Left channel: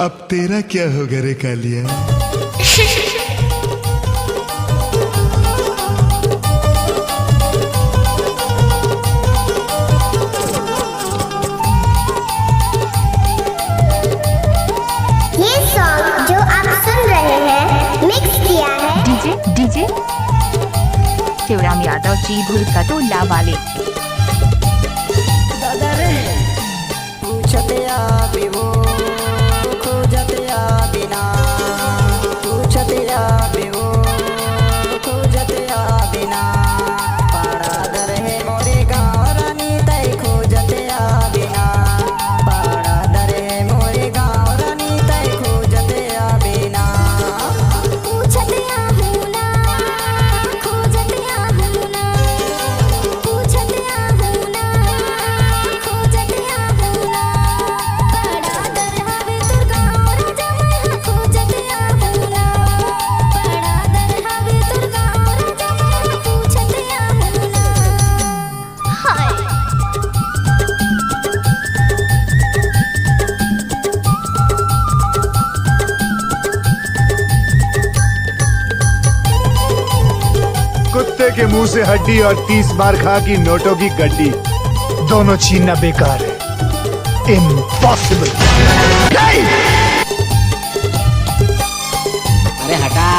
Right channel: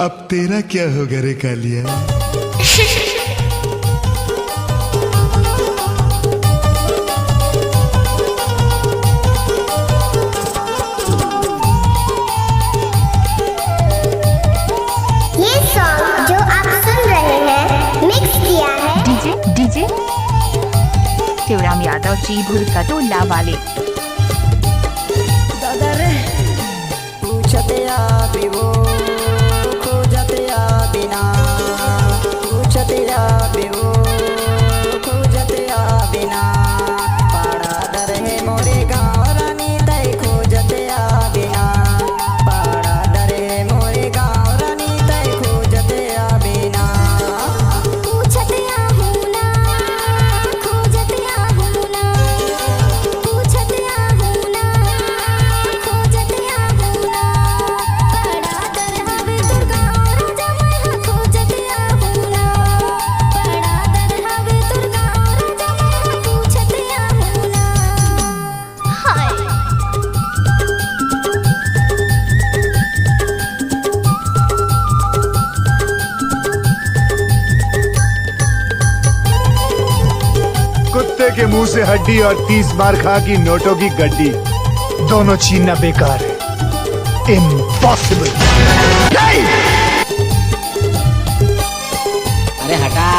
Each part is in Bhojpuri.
अब तेरा क्या होगा रे कालिया? ये सॉन्ग जो आप सुन रहे हैं मिक्स किया है डीजे शिवराम यादव जी भुरकटोला वाले। दादा रे पूछते आप वो खोजते आप बिना पूछते आप वो खोजते आप बिना पाड़ा दर है मोरे गाँव रानी तय खोजते आप बिना पाड़ा दर है मोरे गाँव रानी तय खोजते आप बिना पूछते आहू ना खोजते आहू ना पूछते आहू ना खोजते आहू ना पड़ा दर हवे दुर्गा और जमाई खोजते आहू ना पड़ा दर हवे दुर्गा और जमाई पूछते आहू ना। हाय कुत्ते के मुंह से हड्डी और 30 बार खा की नोटों की गड्डी, दोनों छीनना बेकार है, इम्पॉसिबल। अरे हटा,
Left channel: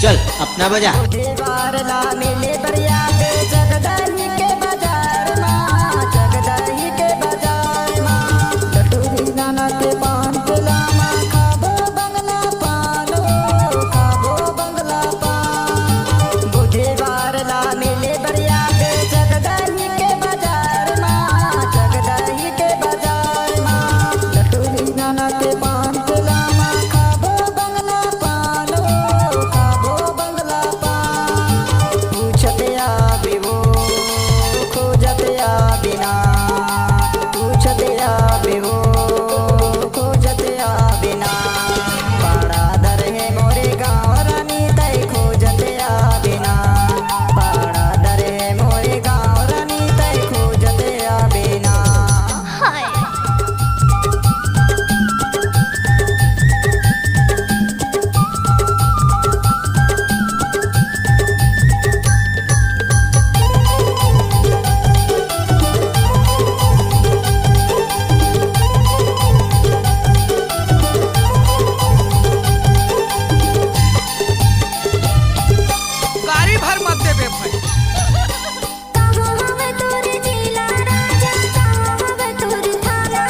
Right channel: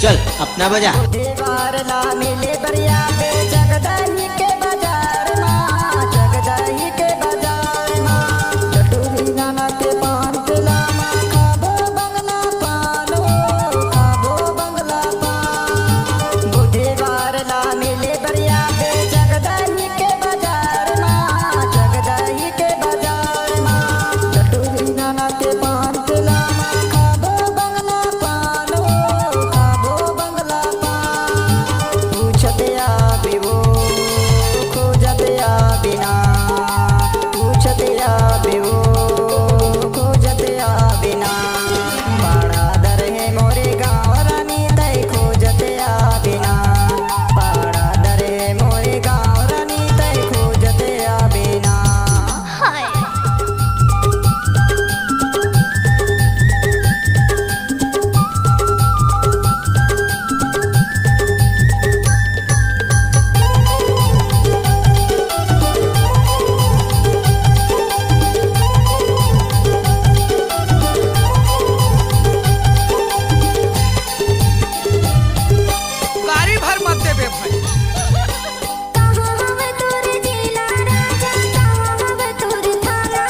चल अपना बजा। दीवार ला मिले बरिया पे जगदही के बाजार माँ जगदही के बाजार माँ टटूरी नाना के पान पिला माँ खाबो बंगला पानो खाबो बंगला पान बुधवार ला मिले बरिया पे जगदही के बाजार माँ जगदही के बाजार माँ टटूरी नाना के पान पिला माँ खाबो बंगला पानो खाबो बंगला पान पूछते आप वो खोजते आप बिना पूछते आप वो खोजते आप बिना पाड़ा दर है मोरे गाँव रानी तय खोजते आप बिना पाड़ा दर है मोरे गाँव रानी तय खोजते आप बिना। हाय गाड़ी भर मत देबे भाई। कहाँ हवे तोर जिला राजा कहाँ हवे तोर थाना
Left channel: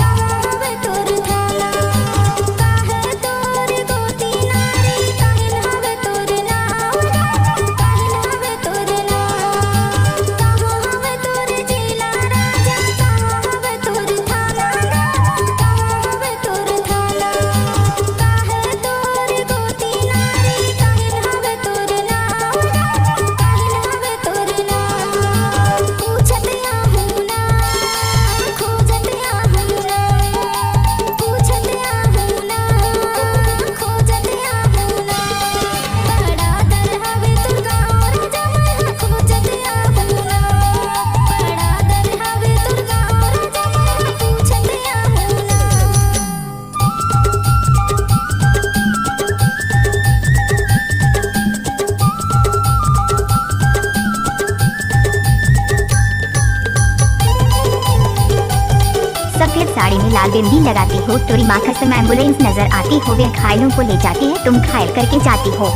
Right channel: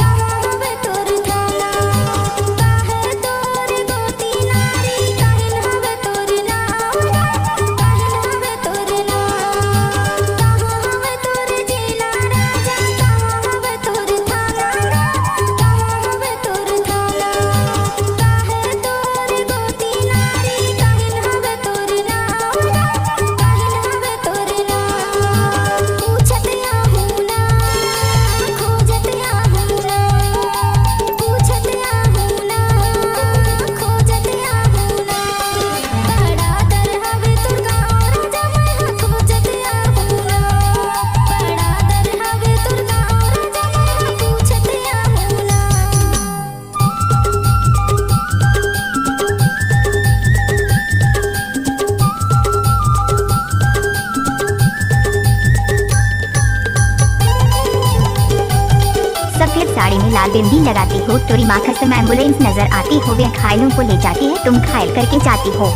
कहाँ हवे तोर थाना काहे तोर गोती नारी काहिन हवे तोर नाम काहिन हवे तोर नाम कहाँ हवे तोर जिला राजा कहाँ हवे तोर थाना कहाँ हवे तोर थाना काहे तोर गोती नारी काहिन हवे तोर नाम काहिन हवे तोर नाम पूछते आहू ना खोजते आहू ना पूछते आहू ना खोजते आहू ना पड़ा दर हवे दुर्गा और जमाई खोजते आहू ना पड़ा दर हवे दुर्गा और जमाई पूछते आहू ना। सफेद साड़ी में लाल बिंदी लगाती हो, तोरी माँ कसम एम्बुलेंस नजर आती हो, वे घायलों को ले जाती है, तुम घायल करके जाती हो।